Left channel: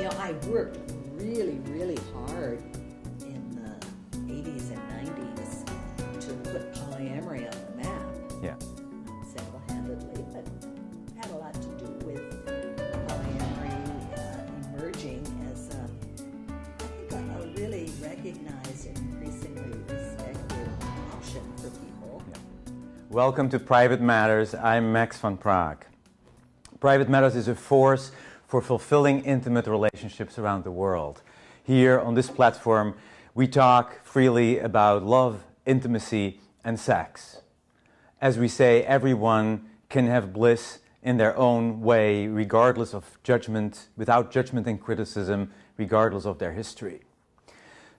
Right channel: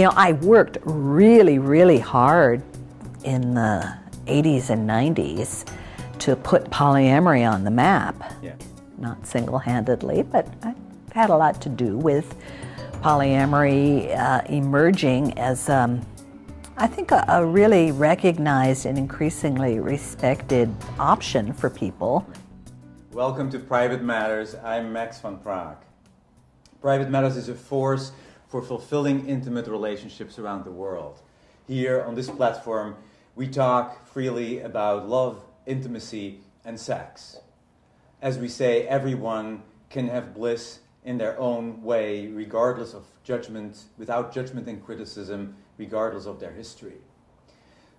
You know, I worked really, really hard in the 80s and 90s to put polyamory on the map. Yeah. Not single-handedly, but I had a lot to do with polyamory emerging as, I think, a really recognized and increasingly respected option for people. Welcome to Private Matters. I'm Max van Praag. Private Matters is a force for fulfilling intimate relationships around the world. Here on this platform, we talk freely about love, intimacy, and sex. As we say, everyone can have bliss in their own way, regardless of judgment, without judgment and criticism, regardless of their history.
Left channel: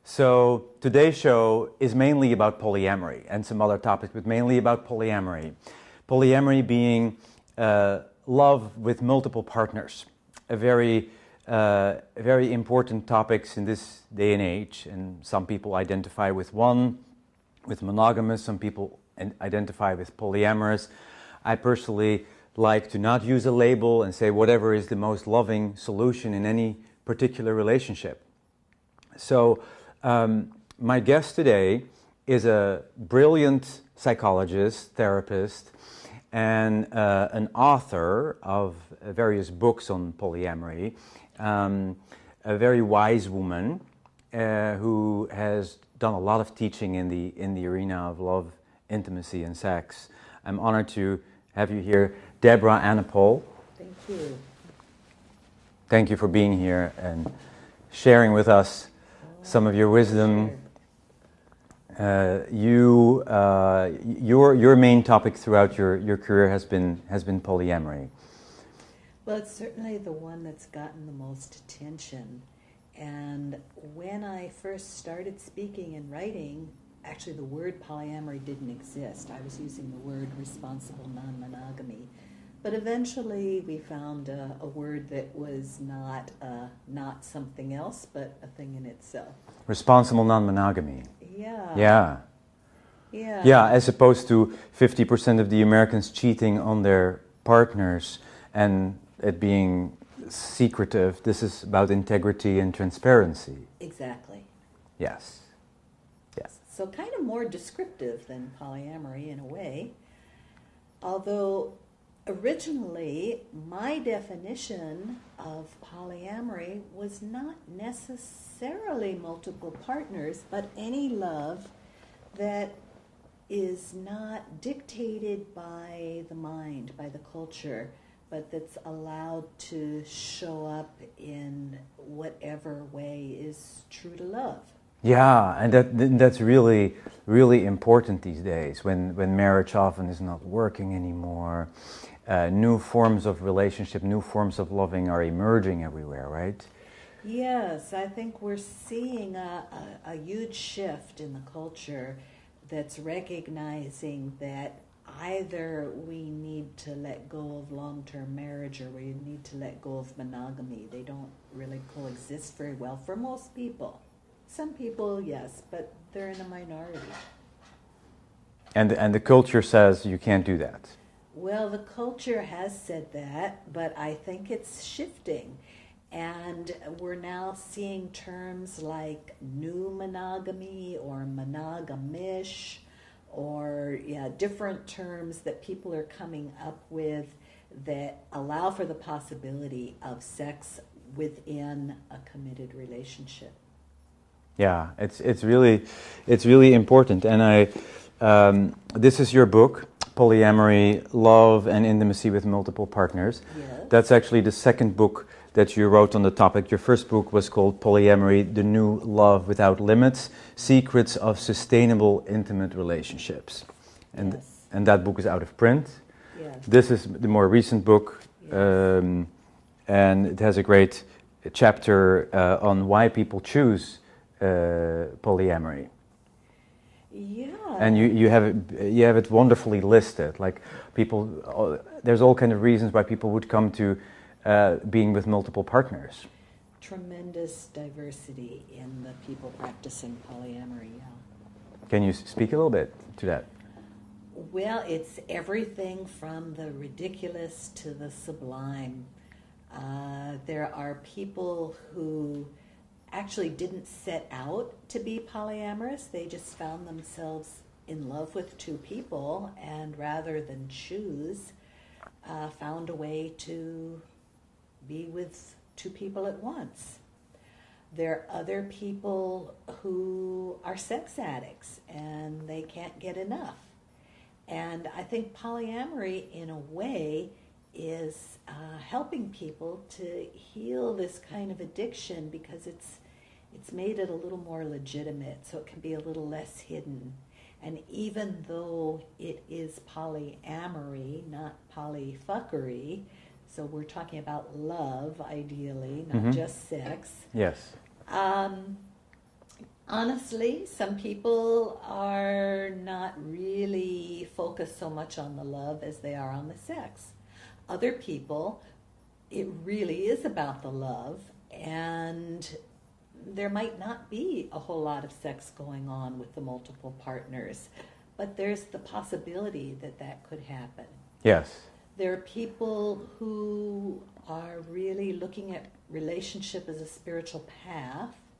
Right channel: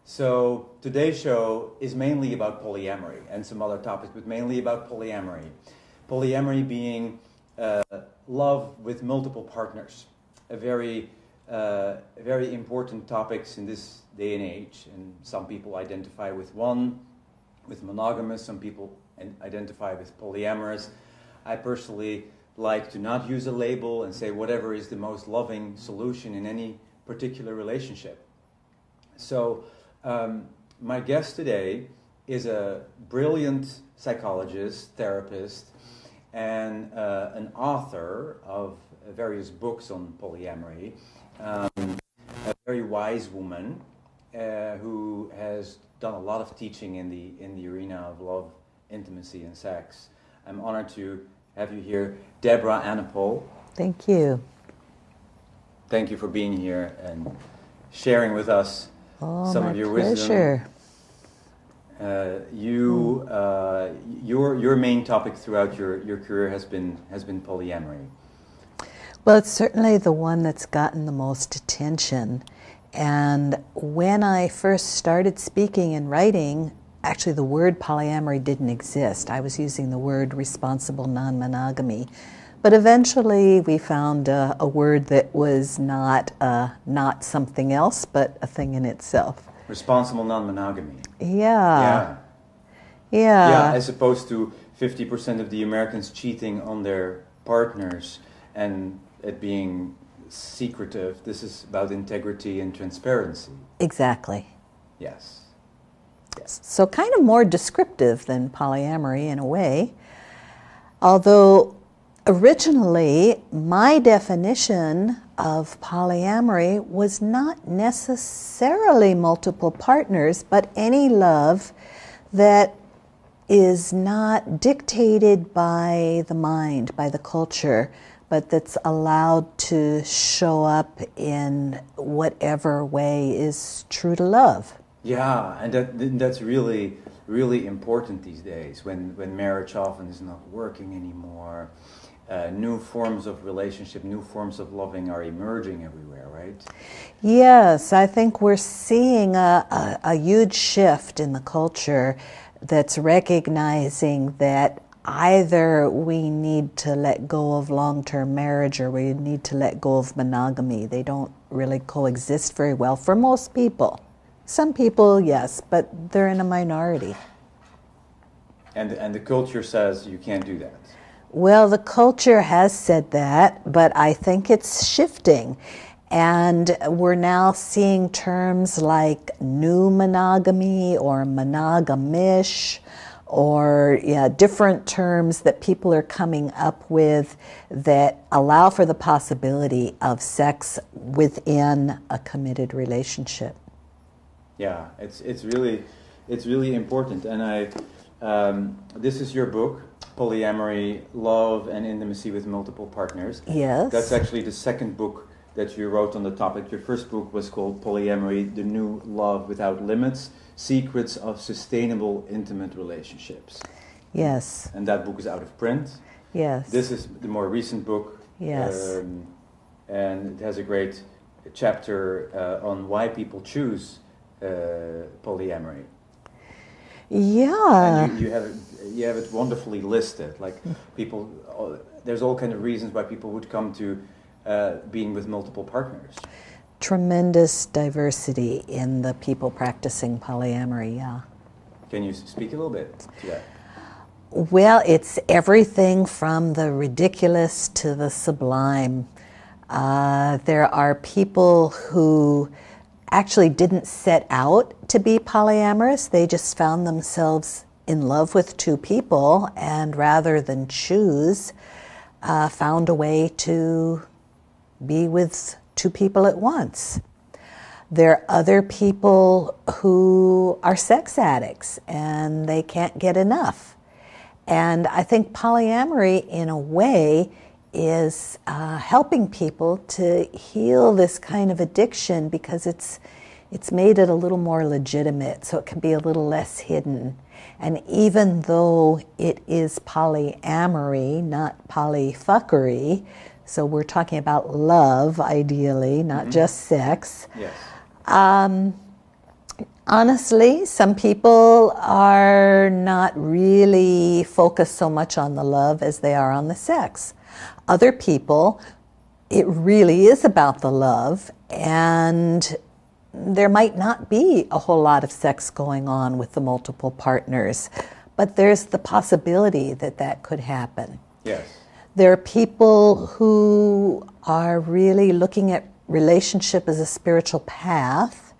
So today's show is mainly about polyamory and some other topics, but mainly about polyamory. Polyamory being love with multiple partners, a very important topics in this day and age. And some people identify with monogamous, some people identify with polyamorous. I personally like to not use a label and say whatever is the most loving solution in any particular relationship. So my guest today is a brilliant psychologist, therapist, and an author of various books on polyamory, a very wise woman who has done a lot of teaching in the arena of love, intimacy, and sex. I'm honored to have you here, Deborah Anapol. Thank you. Thank you for being here and sharing with us some of your wisdom. Your main topic throughout your career has been polyamory. Well, it's certainly the one that's gotten the most attention. And when I first started speaking and writing, actually the word polyamory didn't exist. I was using the word responsible non-monogamy. But eventually we found a word that was not something else, but a thing in itself. Responsible non-monogamy. Yeah. Yeah, as opposed to 50% of the Americans cheating on their partners and it being secretive. This is about integrity and transparency. Exactly. Yes. So kind of more descriptive than polyamory in a way. Although originally my definition of polyamory was not necessarily multiple partners, but any love that is not dictated by the mind, by the culture, but that's allowed to show up in whatever way is true to love. Yeah, and that's really, really important these days when marriage often is not working anymore. New forms of relationship, new forms of loving are emerging everywhere, right? Yes, I think we're seeing a huge shift in the culture that's recognizing that either we need to let go of long-term marriage or we need to let go of monogamy. They don't really coexist very well for most people. Some people, yes, but they're in a minority. And the culture says you can't do that. Well, the culture has said that, but I think it's shifting. And we're now seeing terms like new monogamy or monogamish or different terms that people are coming up with that allow for the possibility of sex within a committed relationship. Yeah, it's really important. And this is your book, Polyamory, Love and Intimacy with Multiple Partners. Yes. That's actually the second book that you wrote on the topic. Your first book was called Polyamory, The New Love Without Limits, Secrets of Sustainable Intimate Relationships. Yes. And that book is out of print. Yes. This is the more recent book. Yes. And it has a great chapter on why people choose polyamory. Yeah. And you have it wonderfully listed. Like people, there's all kind of reasons why people would come to being with multiple partners. Tremendous diversity in the people practicing polyamory, yeah. Can you speak a little bit to that? Well, it's everything from the ridiculous to the sublime. There are people who actually didn't set out to be polyamorous. They just found themselves in love with two people, and rather than choose, found a way to be with two people at once. There are other people who are sex addicts and they can't get enough. And I think polyamory, in a way, is helping people to heal this kind of addiction, because it's made it a little more legitimate, so it can be a little less hidden. And even though it is polyamory, not polyfuckery, so we're talking about love, ideally, not just sex. Yes. Honestly, some people are not really focused so much on the love as they are on the sex. Other people, it really is about the love, and there might not be a whole lot of sex going on with the multiple partners, but there's the possibility that that could happen. Yes. There are people who are really looking at relationship as a spiritual path,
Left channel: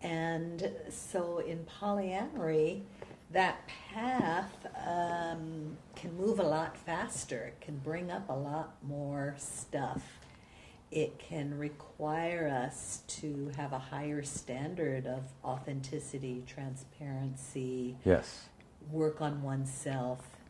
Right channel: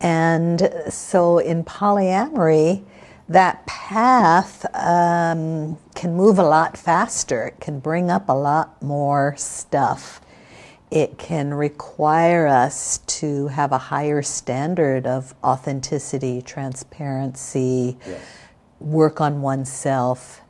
and so in polyamory, that path can move a lot faster. It can bring up a lot more stuff. It can require us to have a higher standard of authenticity, transparency, Yes. work on oneself.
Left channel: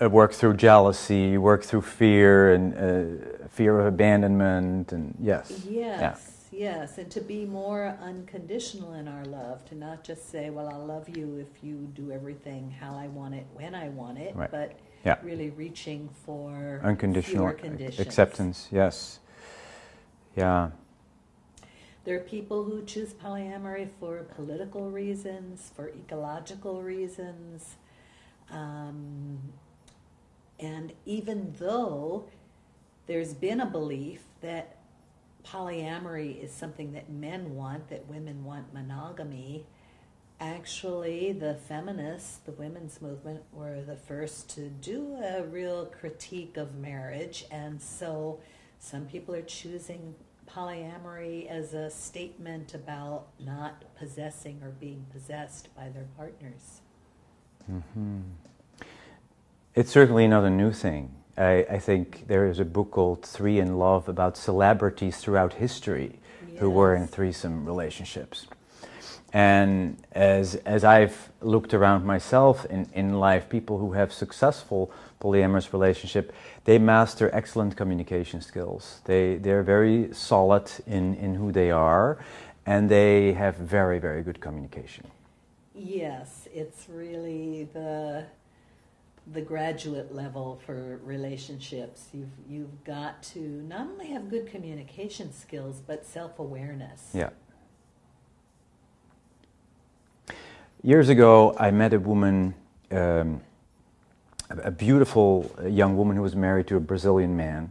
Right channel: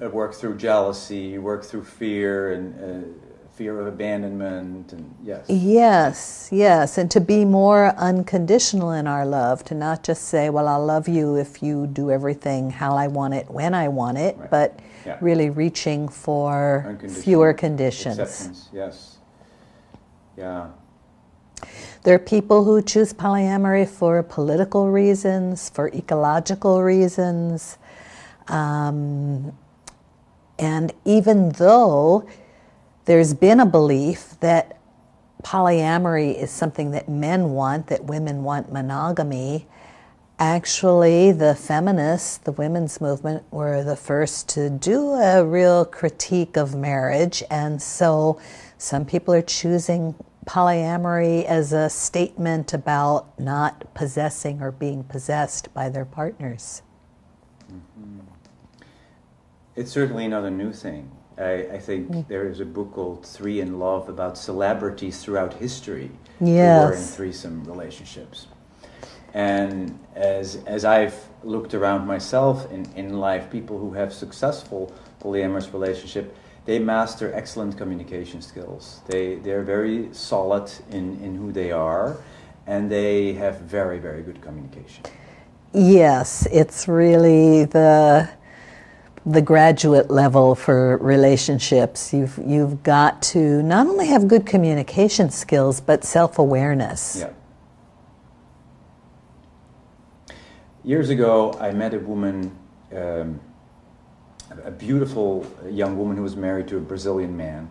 Work through jealousy, work through fear and fear of abandonment, and Yes, and to be more unconditional in our love, to not just say, well, I'll love you if you do everything how I want it, when I want it, Right. but really reaching for fewer conditions. Acceptance, yes. Yeah. There are people who choose polyamory for political reasons, for ecological reasons, and even though there's been a belief that polyamory is something that men want, that women want monogamy, actually the feminists, the women's movement, were the first to do a real critique of marriage, and so some people are choosing polyamory as a statement about not possessing or being possessed by their partners. Mm-hmm. It's certainly not a new thing. I think there is a book called Three in Love about celebrities throughout history who were in threesome relationships. And as I've looked around myself in life, people who have successful polyamorous relationship, they master excellent communication skills. They're very solid in who they are, and they have very, very good communication. Yes, it's really the graduate level for relationships. You've got to not only have good communication skills, but self-awareness. Yeah. Years ago, I met a woman, a beautiful young woman who was married to a Brazilian man,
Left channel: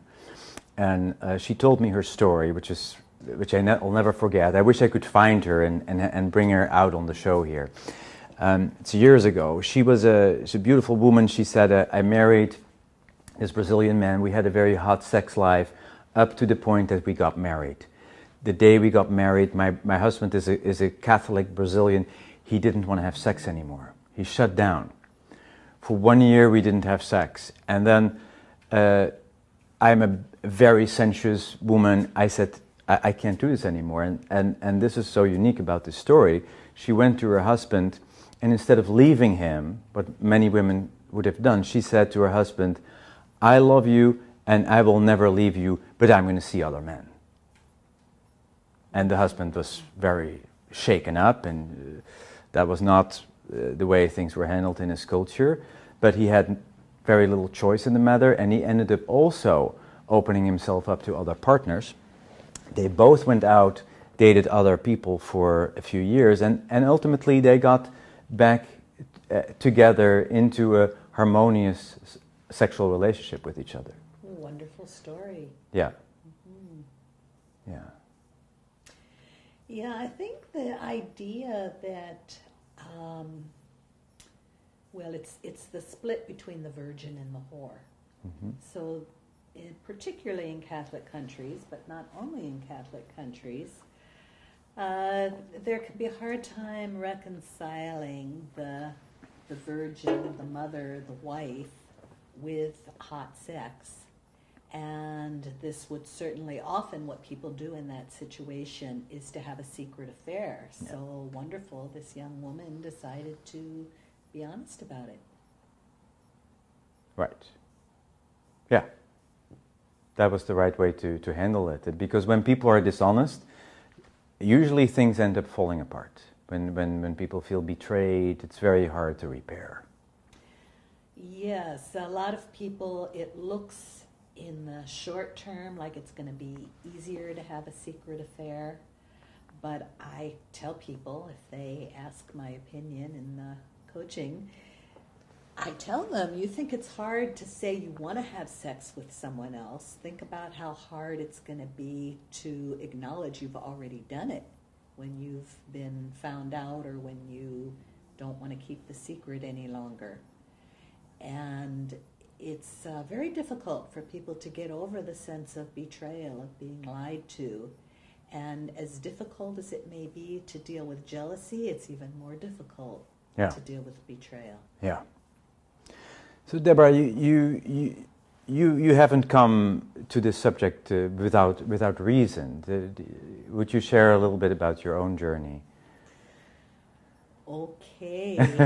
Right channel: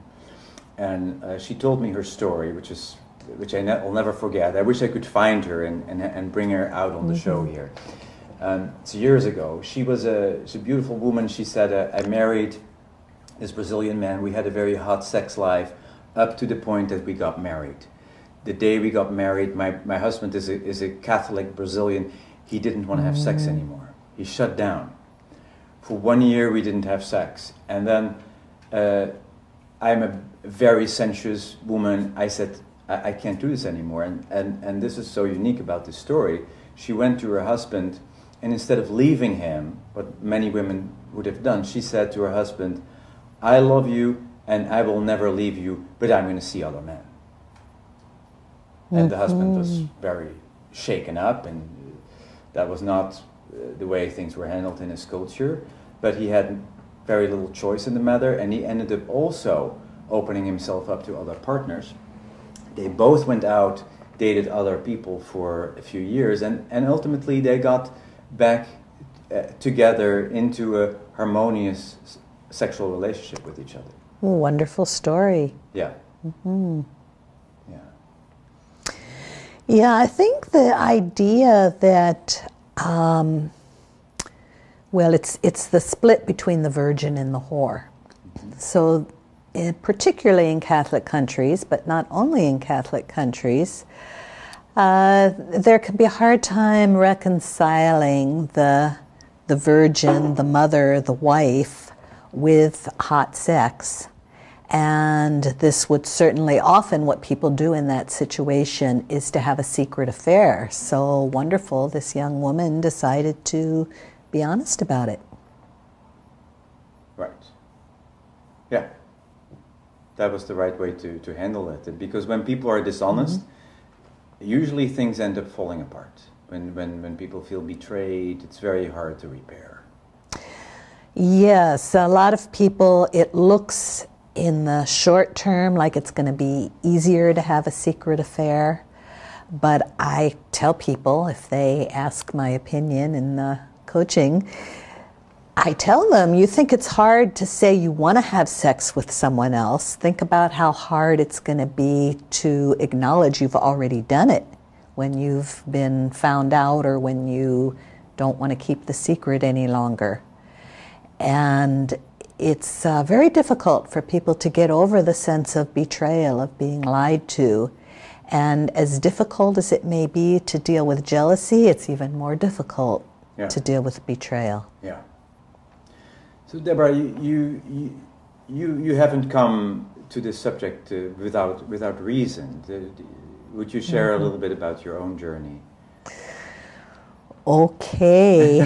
and she told me her story, which will never forget. I wish I could find her and bring her out on the show here. It's years ago. She's a beautiful woman. She said, I married this Brazilian man. We had a very hot sex life up to the point that we got married. The day we got married, my husband is a Catholic Brazilian. He didn't want to have sex anymore. He shut down. For 1 year, we didn't have sex. And then I'm a very sensuous woman. I said, I can't do this anymore. And this is so unique about this story. She went to her husband, and instead of leaving him, what many women would have done, she said to her husband, I love you, and I will never leave you, but I'm going to see other men. And the husband was very shaken up, and that was not the way things were handled in his culture, but he had very little choice in the matter, and he ended up also opening himself up to other partners. They both went out, dated other people for a few years, and ultimately they got back together into a harmonious sexual relationship with each other. Wonderful story. Yeah. Mm-hmm. Yeah. Yeah, I think the idea that, well, it's the split between the virgin and the whore. Mm-hmm. So particularly in Catholic countries, but not only in Catholic countries, there can be a hard time reconciling the virgin, the mother, the wife, with hot sex. And this would certainly, often what people do in that situation is to have a secret affair. So wonderful, this young woman decided to be honest about it. Right. Yeah. That was the right way to handle it. Because when people are dishonest, usually things end up falling apart. When people feel betrayed, it's very hard to repair. Yes, a lot of people, it looks in the short term like it's going to be easier to have a secret affair. But I tell people, if they ask my opinion in the coaching, I tell them, you think it's hard to say you want to have sex with someone else. Think about how hard it's going to be to acknowledge you've already done it when you've been found out or when you don't want to keep the secret any longer. And it's very difficult for people to get over the sense of betrayal, of being lied to. And as difficult as it may be to deal with jealousy, it's even more difficult to deal with betrayal. Yeah. So Deborah, you haven't come to this subject without reason. Would you share a little bit about your own journey? Okay.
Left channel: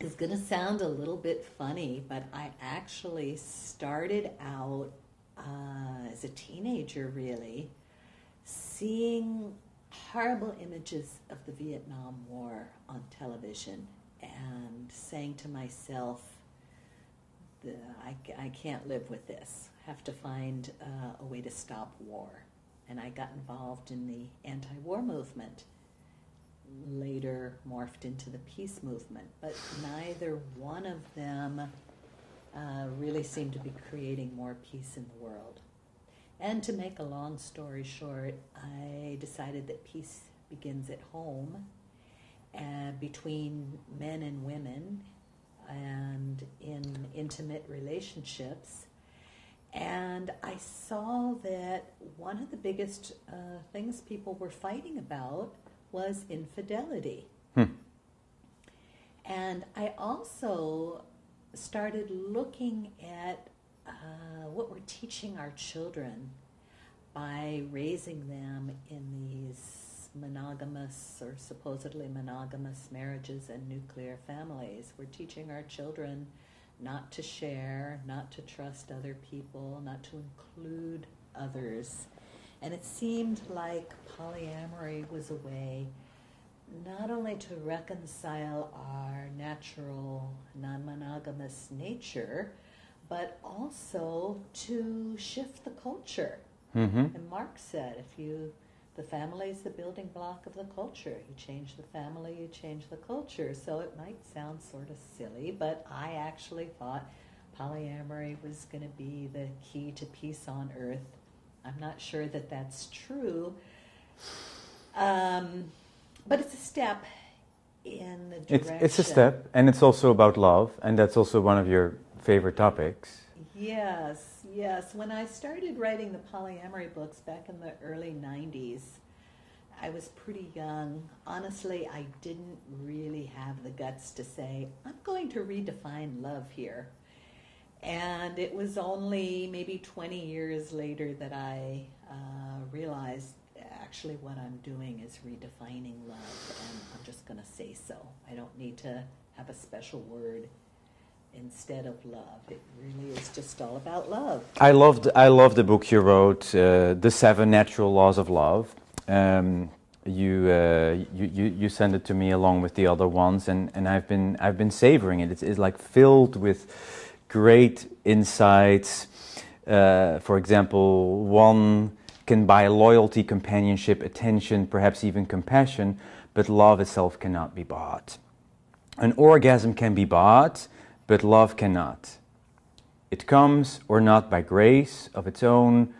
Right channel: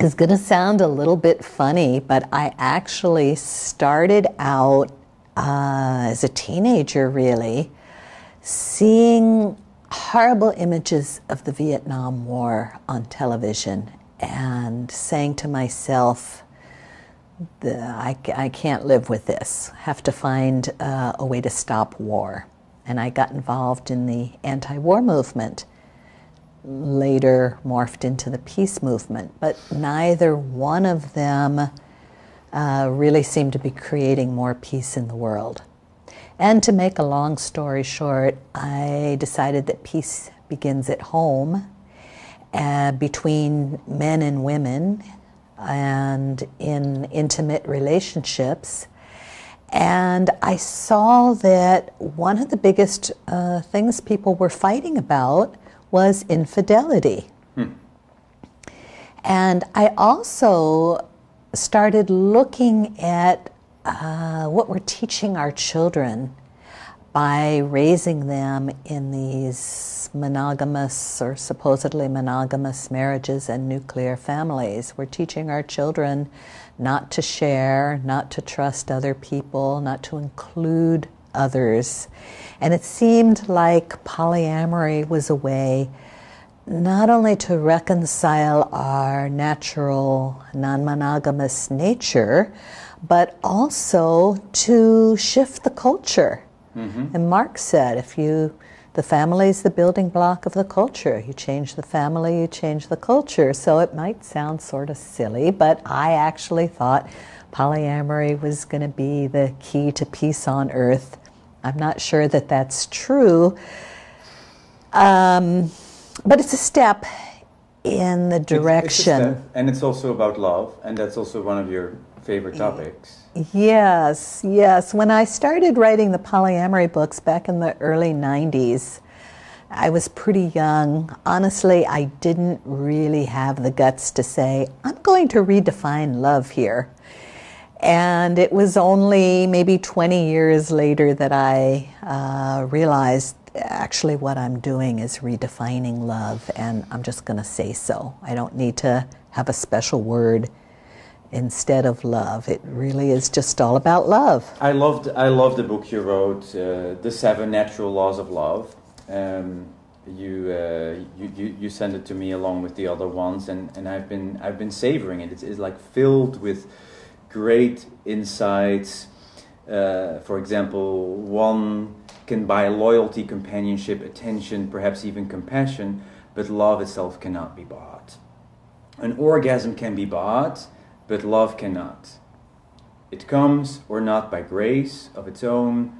It's going to sound a little bit funny, but I actually started out as a teenager, really, seeing horrible images of the Vietnam War on television and saying to myself, I can't live with this. I have to find a way to stop war. And I got involved in the anti-war movement, later morphed into the peace movement. But neither one of them really seemed to be creating more peace in the world. And to make a long story short, I decided that peace begins at home, between men and women, and in intimate relationships. And I saw that one of the biggest things people were fighting about was infidelity. And I also started looking at what we're teaching our children by raising them in these monogamous or supposedly monogamous marriages and nuclear families. We're teaching our children not to share, not to trust other people, not to include others. And it seemed like polyamory was a way not only to reconcile our natural non-monogamous nature, but also to shift the culture. And Marx said, the family is the building block of the culture. You change the family, you change the culture. So it might sound sort of silly, but I actually thought polyamory was going to be the key to peace on earth. I'm not sure that that's true, but it's a step in the direction. It's a step, and it's also about love, and that's also one of your favorite topics. Yes, yes. When I started writing the polyamory books back in the early 90s, I was pretty young. Honestly, I didn't really have the guts to say, I'm going to redefine love here. And it was only maybe 20 years later that I realized actually what I'm doing is redefining love, and I'm just going to say so. I don't need to have a special word instead of love. It really is just all about love. I love the book you wrote, The 7 Natural Laws of Love. You sent it to me along with the other ones, and I've been savoring it. It's like filled with great insights. For example, one can buy loyalty, companionship, attention, perhaps even compassion, but love itself cannot be bought. An orgasm can be bought, but love cannot. It comes or not by grace of its own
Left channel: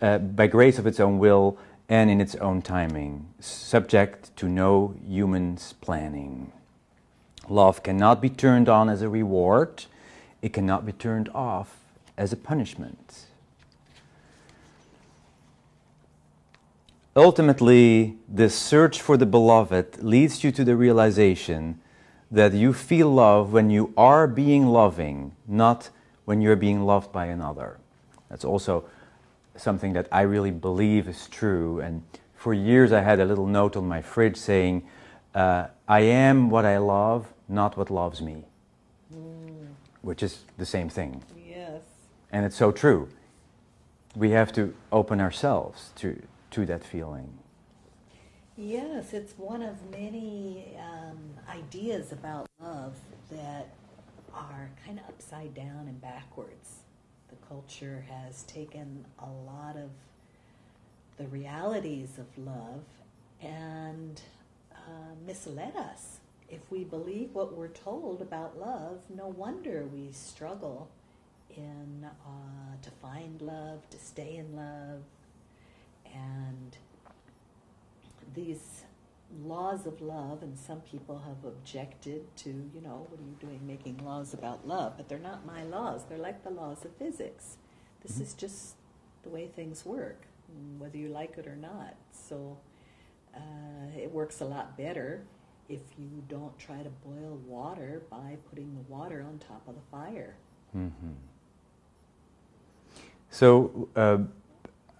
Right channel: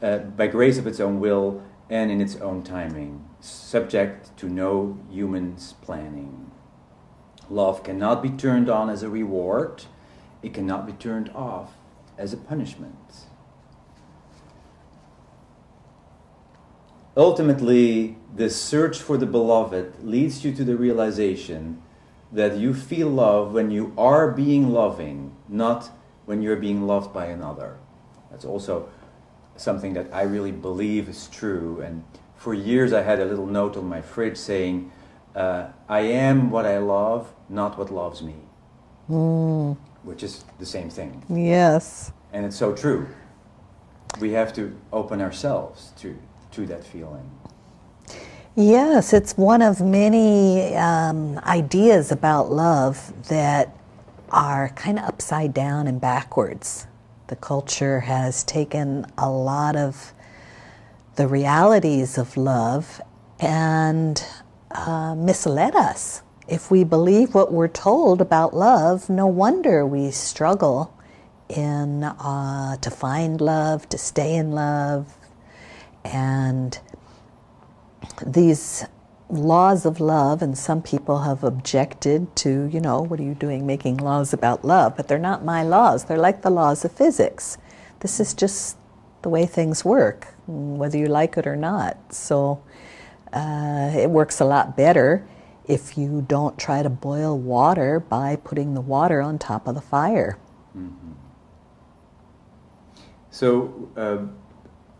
will and in its own timing, subject to no human's planning. Love cannot be turned on as a reward. it cannot be turned off as a punishment. Ultimately, this search for the beloved leads you to the realization that you feel love when you are being loving, not when you're being loved by another. That's also something that I really believe is true. And for years I had a little note on my fridge saying, I am what I love, not what loves me. Which is the same thing. Yes. And it's so true. We have to open ourselves to that feeling. Yes, it's one of many ideas about love that are kind of upside down and backwards. The culture has taken a lot of the realities of love and misled us. If we believe what we're told about love, no wonder we struggle to find love, to stay in love. And these laws of love, and some people have objected to, what are you doing making laws about love? But they're not my laws. They're like the laws of physics. This is just the way things work, whether you like it or not. So it works a lot better if you don't try to boil water by putting the water on top of the fire. Mm-hmm. So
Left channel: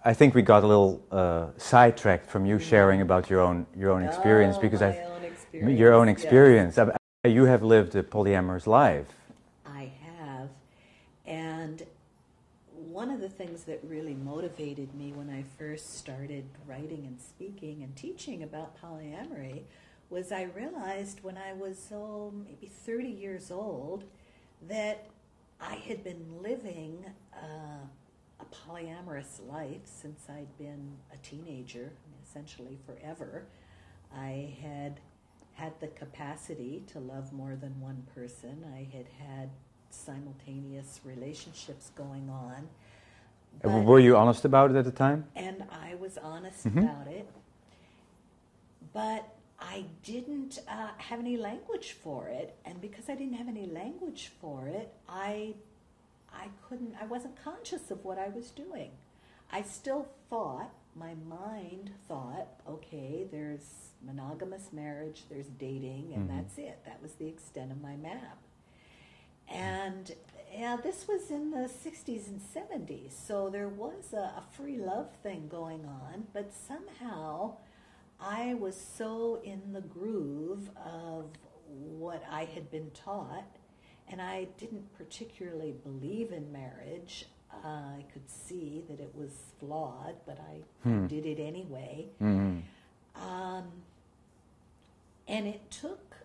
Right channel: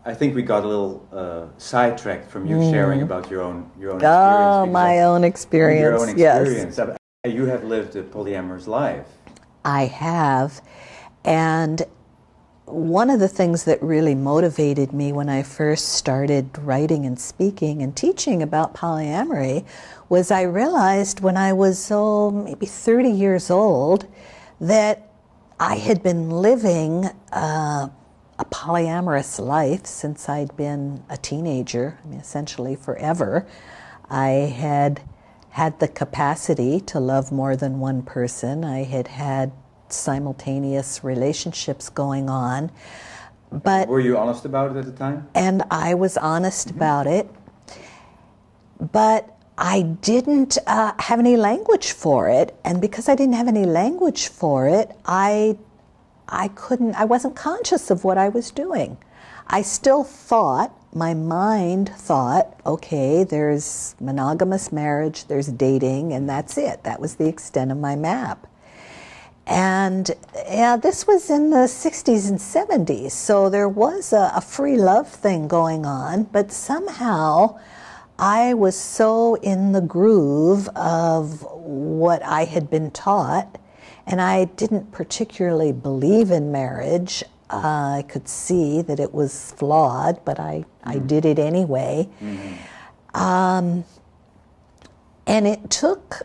I think we got a little sidetracked from you sharing about your own experience. Oh, my own experience. Your own experience. Yes. You have lived a polyamorous life. I have. And one of the things that really motivated me when I first started writing and speaking and teaching about polyamory was I realized when I was maybe 30 years old that I had been living a polyamorous life since I'd been a teenager, essentially forever. I had the capacity to love more than one person. I had simultaneous relationships going on. But were you honest about it at the time? And I was honest about it. But I didn't have any language for it. And because I didn't have any language for it, I wasn't conscious of what I was doing. I still thought, my mind thought, okay, there's monogamous marriage, there's dating, and that's it. That was the extent of my map. And this was in the 60s and 70s, so there was a free love thing going on, but somehow I was so in the groove of what I had been taught, and I didn't particularly believe in marriage. I could see that it was flawed, but I did it anyway. And it took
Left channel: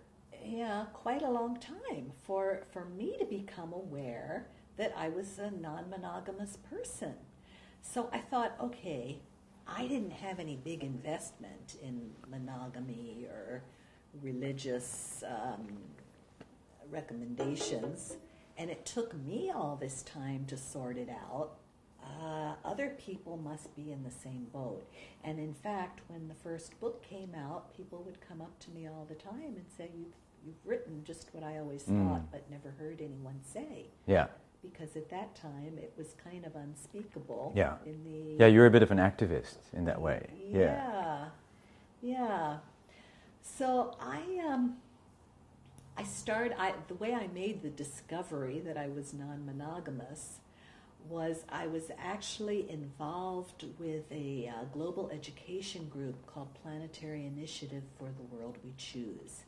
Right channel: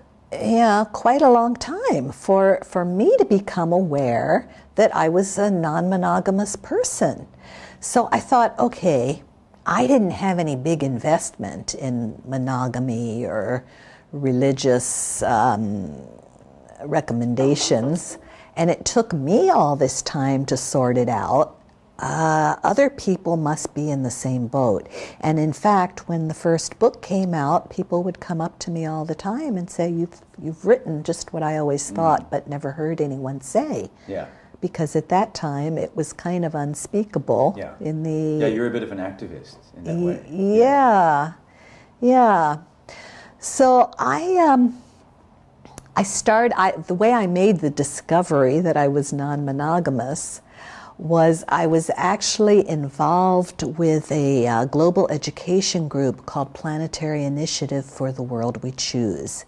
quite a long time for me to become aware that I was a non-monogamous person. So I thought, okay, I didn't have any big investment in monogamy or religious recommendations, and it took me all this time to sort it out. Other people must be in the same boat. And in fact, when the first book came out, people would come up to me all the time and say, you've written just what I always thought, but never heard anyone say. Yeah. Because at that time, it was kind of unspeakable. Yeah. Yeah, you're a bit of an activist in that way. Yeah. So the way I made the discovery that I was non-monogamous was I was actually involved with a global education group called Planetary Initiative for the World We Choose.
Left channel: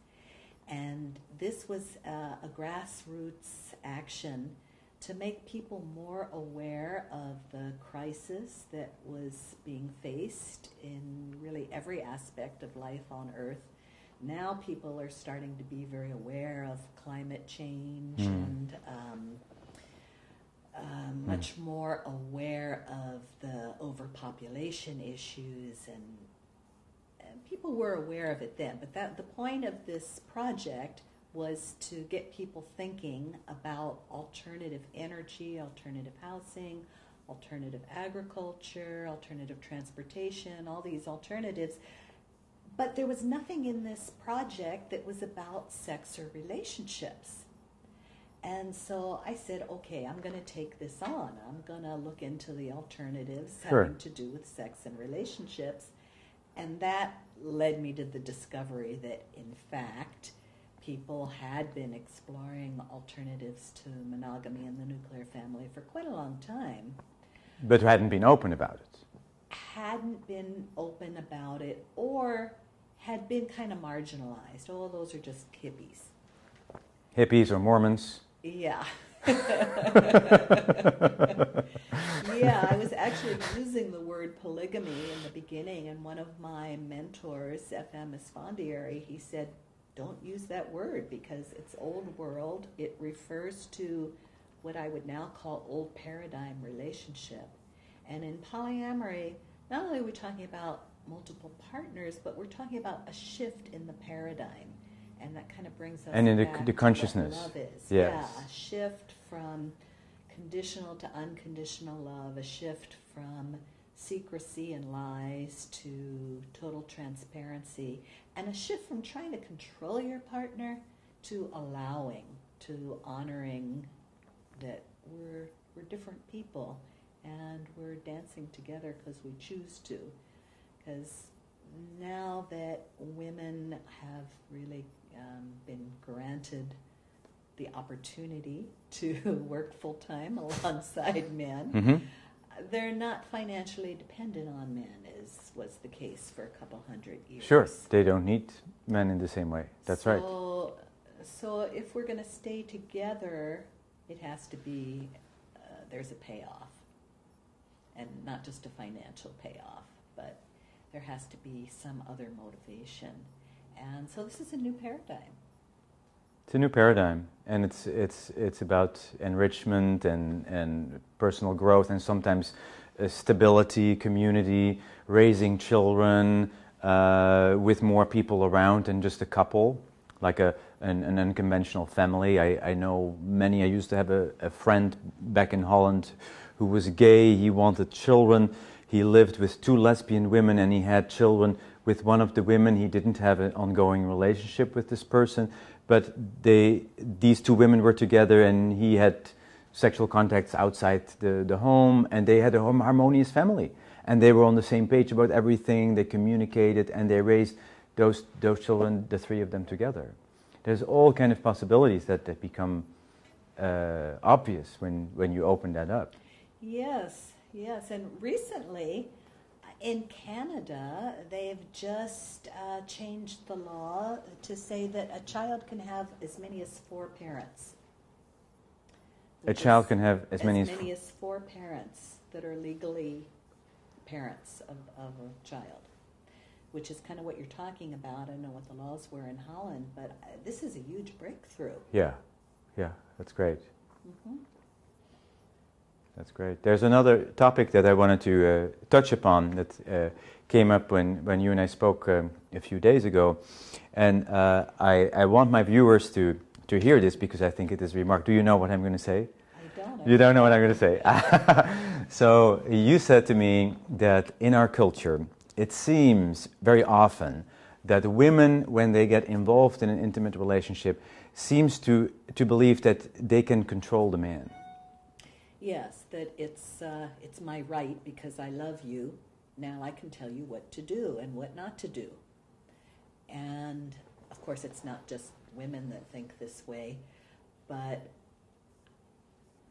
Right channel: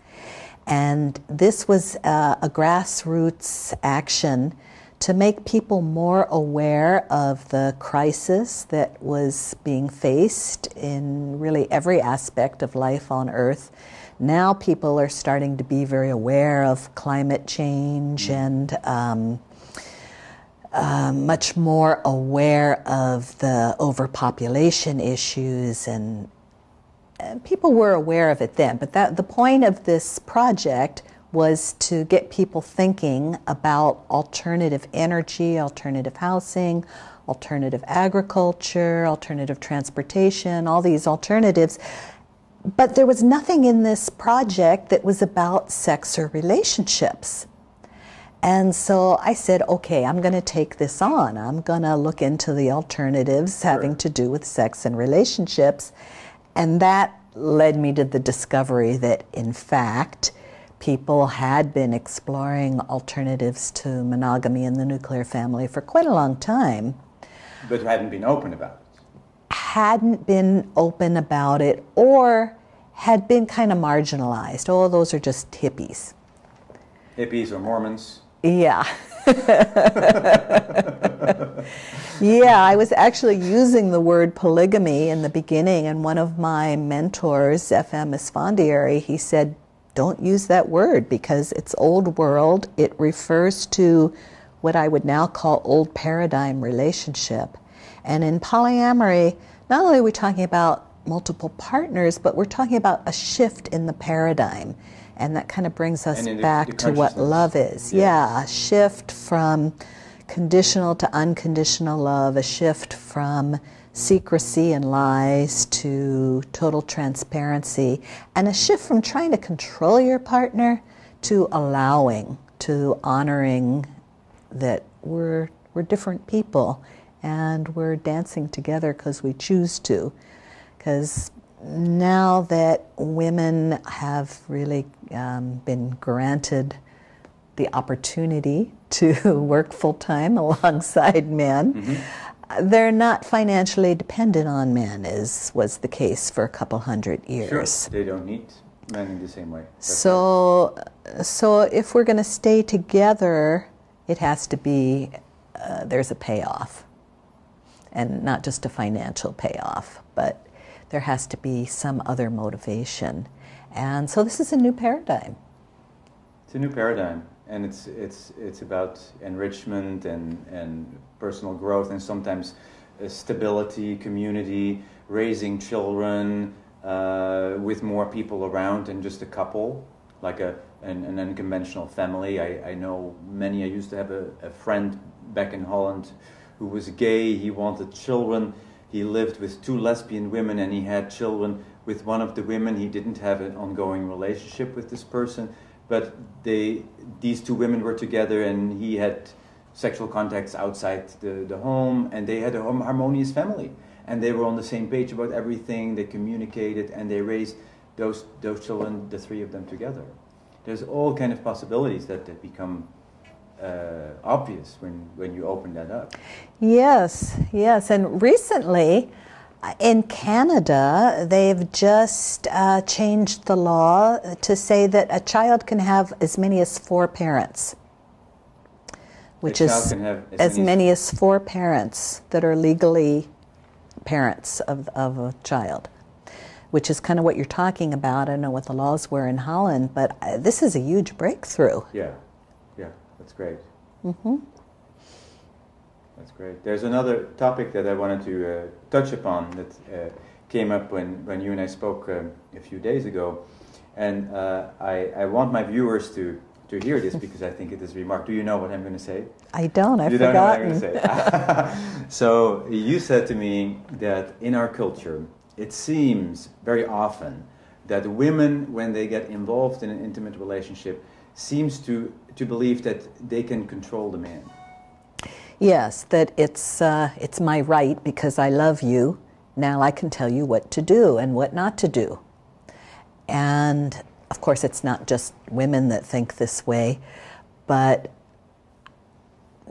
And this was a grassroots action to make people more aware of the crisis that was being faced in really every aspect of life on Earth. Now people are starting to be very aware of climate change and much more aware of the overpopulation issues, and people were aware of it then. But the point of this project was to get people thinking about alternative energy, alternative housing, alternative agriculture, alternative transportation, all these alternatives. But there was nothing in this project that was about sex or relationships. And so I said, okay, I'm going to take this on. I'm going to look into the alternatives having to do with sex and relationships. And that led me to the discovery that, in fact, people had been exploring alternatives to monogamy in the nuclear family for quite a long time. But hadn't been open about it. Hadn't been open about it, or had been kind of marginalized. Oh, those are just hippies. Hippies or Mormons. Yeah. Yeah, I was actually using the word polygamy in the beginning, and one of my mentors, F.M. Esfandiari, he said, don't use that word because it's old world. It refers to what I would now call old paradigm relationship. And in polyamory, not only are we talking about multiple partners, but we're talking about a shift in the paradigm. And that kind of brings us back to what love is. Yeah, a shift from conditional to unconditional love, a shift from secrecy and lies to total transparency, and a shift from trying to control your partner to allowing, to honoring that we're different people and we're dancing together because we choose to. Because now that women have really been granted the opportunity to work full-time alongside men, they're not financially dependent on men, as was the case for a couple hundred years. Sure, they don't need men in the same way. That's so if we're going to stay together, it has to be, there's a payoff. And not just a financial payoff, but there has to be some other motivation. And so this is a new paradigm. It's a new paradigm. And it's about enrichment and personal growth, and sometimes stability, community, raising children with more people around than just a couple, like an unconventional family. I know many. I used to have a friend back in Holland who was gay. He wanted children. He lived with 2 lesbian women, and he had children with one of the women. He didn't have an ongoing relationship with this person. But these 2 women were together, and he had sexual contacts outside the home, and they had a harmonious family. And they were on the same page about everything. They communicated, and they raised those children, the 3 of them together. There's all kind of possibilities that become obvious when you open that up. Yes, yes. And recently, in Canada, they've just changed the law to say that a child can have as many as 4 parents. Which is as many as 4 parents that are legally parents of a child, which is kind of what you're talking about. I don't know what the laws were in Holland, but this is a huge breakthrough. Yeah, that's great. That's great. There's another topic that I wanted to touch upon that came up when you and I spoke a few days ago, and I want my viewers to hear this because I think it is remarkable. Do you know what I'm going to say? I don't. You don't know what I'm going to say. So you said to me that in our culture, it seems very often that women, when they get involved in an intimate relationship, seems to believe that they can control the man. Yes, that it's my right because I love you. Now I can tell you what to do and what not to do. And of course, it's not just women that think this way, but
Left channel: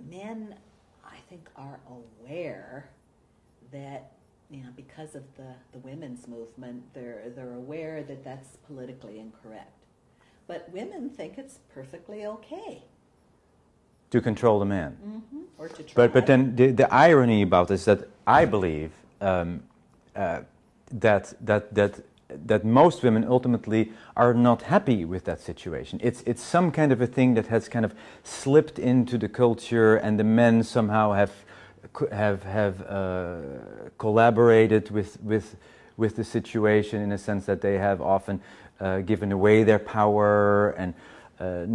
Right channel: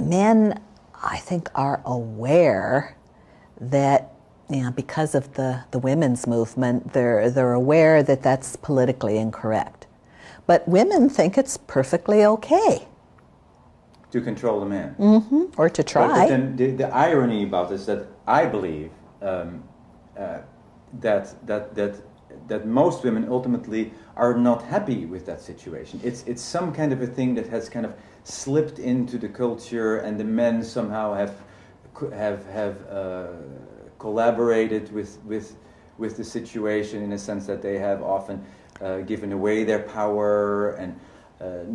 men, I think, are aware that, because of the women's movement, they're aware that that's politically incorrect. But women think it's perfectly okay. To control the man. Or to try. But then the irony about this is that I believe that most women ultimately are not happy with that situation. It's some kind of a thing that has kind of slipped into the culture, and the men somehow have collaborated with the situation in a sense that they have often given away their power and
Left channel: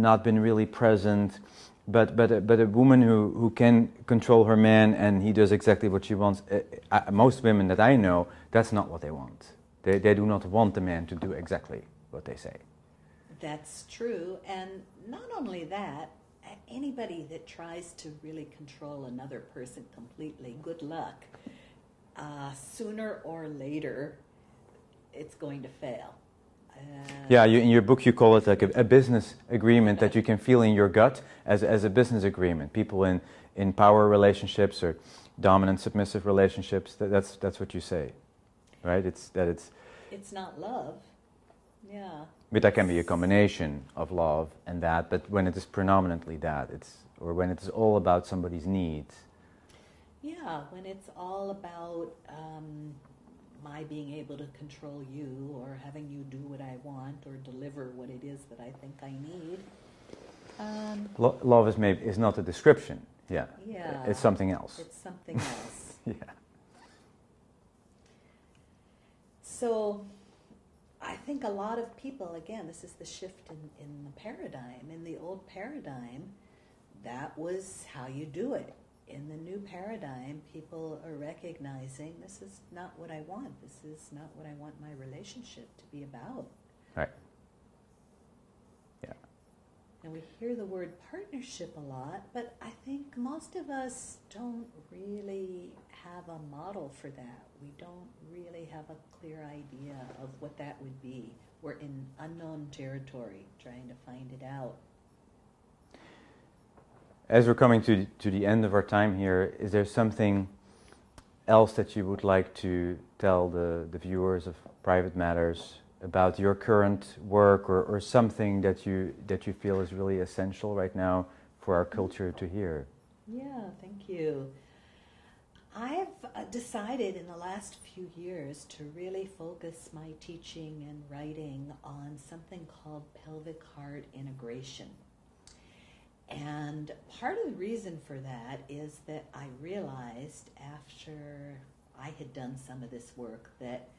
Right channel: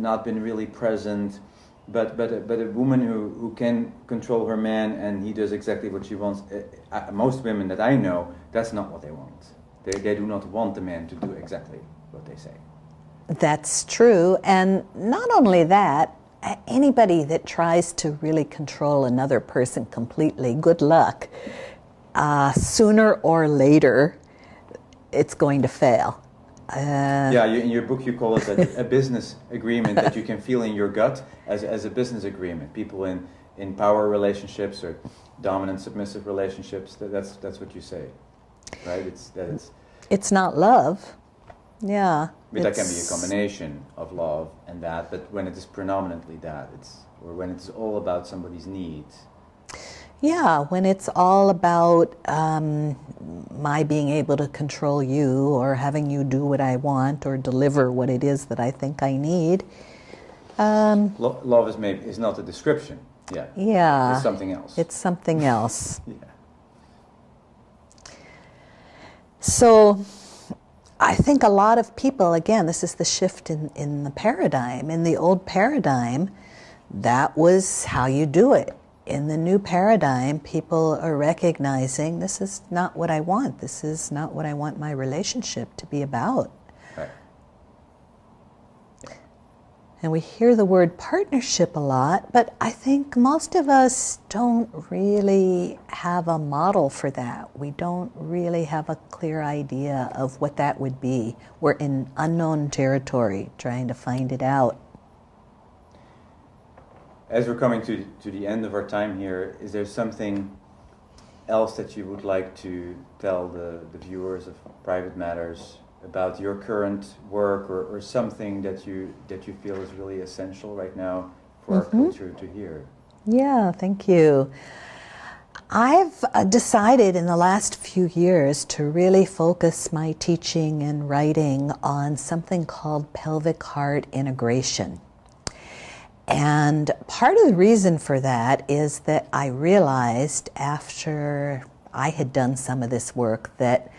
not been really present. But a woman who can control her man and he does exactly what she wants, most women that I know, that's not what they want. They do not want the man to do exactly what they say. That's true. And not only that, anybody that tries to really control another person completely, good luck. Sooner or later, it's going to fail. Yeah, in your book you call it like a business agreement that you can feel in your gut as a business agreement. People in power relationships or dominant submissive relationships, that's what you say, right? It's not love. Yeah. But that can be a combination of love and that, but when it is predominantly that, or when it is all about somebody's needs. Yeah, when it's all about my being able to control you or having you do what I want or deliver what it is that I think I need. Love is not a description. Yeah. Yeah. It's something else. It's something else. Yeah. So I think a lot of people, again, this is the shift in the paradigm. In the old paradigm, that was how you do it. In the new paradigm, people are recognizing this is not what I want. This is not what I want my relationship to be about. Right. And we hear the word partnership a lot, but I think most of us don't really have a model for that. We don't really have a clear idea of what that would be. We're in unknown territory trying to find it out. As we're coming to the end of our time here, is there something else that you would like to tell the viewers of Private Matters about your current work, or something that you feel is really essential right now for our culture to hear? Yeah, thank you. I've decided in the last few years to really focus my teaching and writing on something called pelvic heart integration. And part of the reason for that is that I realized after I had done some of this work that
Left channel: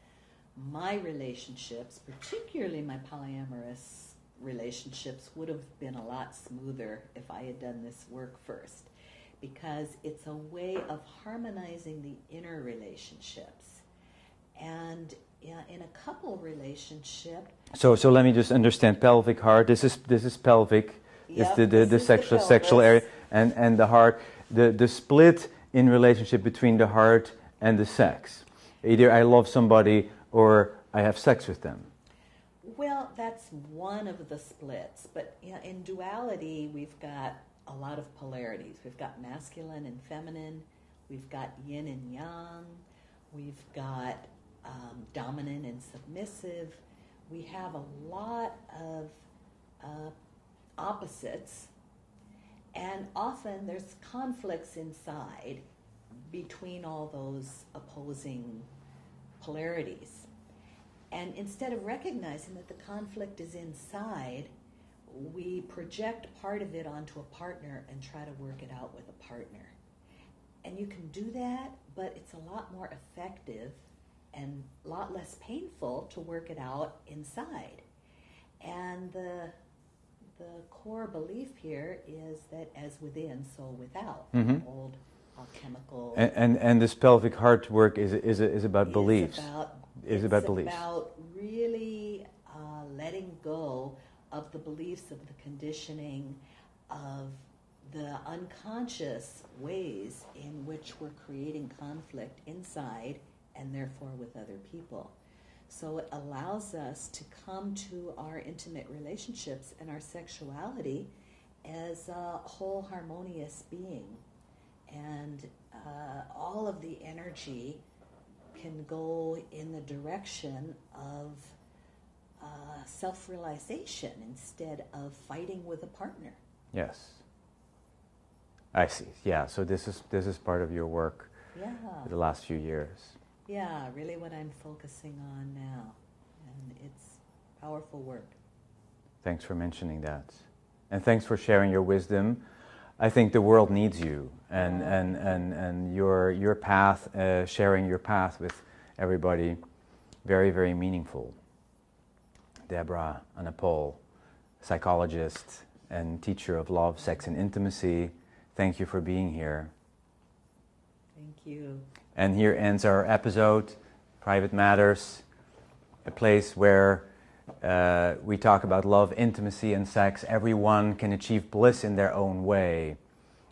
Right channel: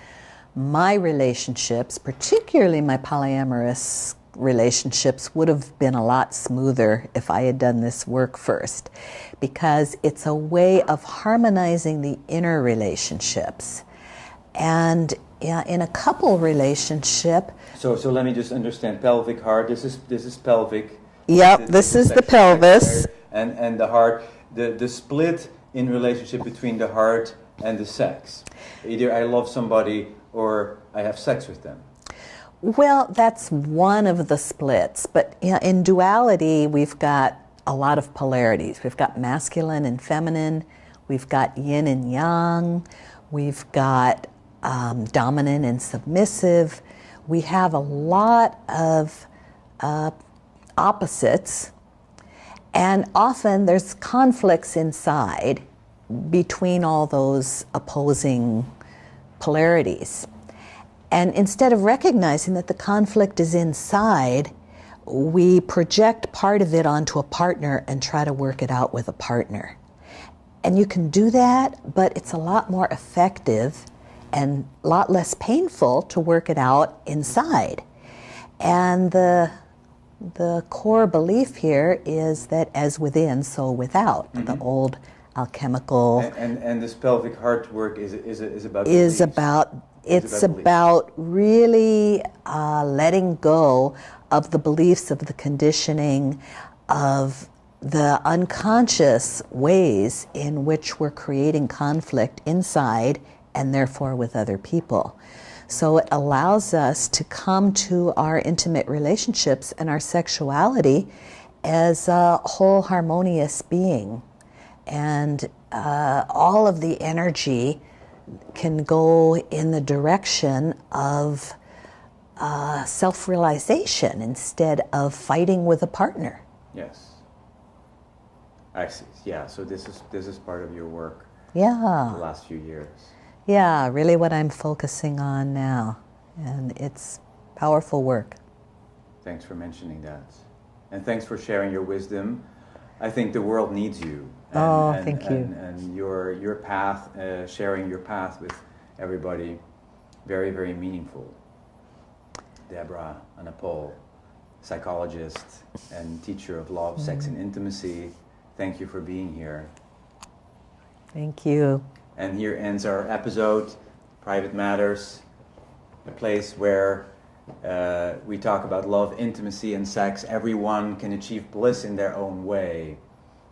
my relationships, particularly my polyamorous relationships, would have been a lot smoother if I had done this work first, because it's a way of harmonizing the inner relationships. And in a couple relationship... So let me just understand, pelvic heart, this is pelvic. Yep, this is the pelvis. And the heart, the split in relationship between the heart and the sex. Either I love somebody or I have sex with them. Well, that's one of the splits. But in duality, we've got a lot of polarities. We've got masculine and feminine. We've got yin and yang. We've got dominant and submissive. We have a lot of opposites, and often there's conflicts inside between all those opposing polarities. And instead of recognizing that the conflict is inside, we project part of it onto a partner and try to work it out with a partner. And you can do that, but it's a lot more effective and a lot less painful to work it out inside. And the core belief here is that as within, so without. The old alchemical... And this pelvic heart work is about beliefs. It's about really letting go of the beliefs, of the conditioning, of the unconscious ways in which we're creating conflict inside and therefore with other people. So it allows us to come to our intimate relationships and our sexuality as a whole harmonious being. And all of the energy can go in the direction of self-realization instead of fighting with a partner. Yes. I see. Yeah, so this is part of your work. Yeah. The last few years. Yeah, really what I'm focusing on now. And it's powerful work. Thanks for mentioning that. And thanks for sharing your wisdom. I think the world needs you. And, thank you. And your path, sharing your path with everybody, very, very meaningful. Deborah Anapol, psychologist and teacher of love, sex, and intimacy. Thank you for being here. Thank you. And here ends our episode, Private Matters, a place where We talk about love, intimacy, and sex. Everyone can achieve bliss in their own way.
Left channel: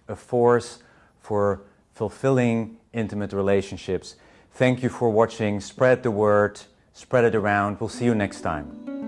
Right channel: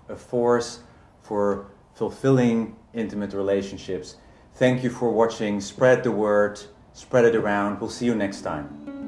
A force for fulfilling intimate relationships. Thank you for watching. Spread the word. Spread it around. We'll see you next time.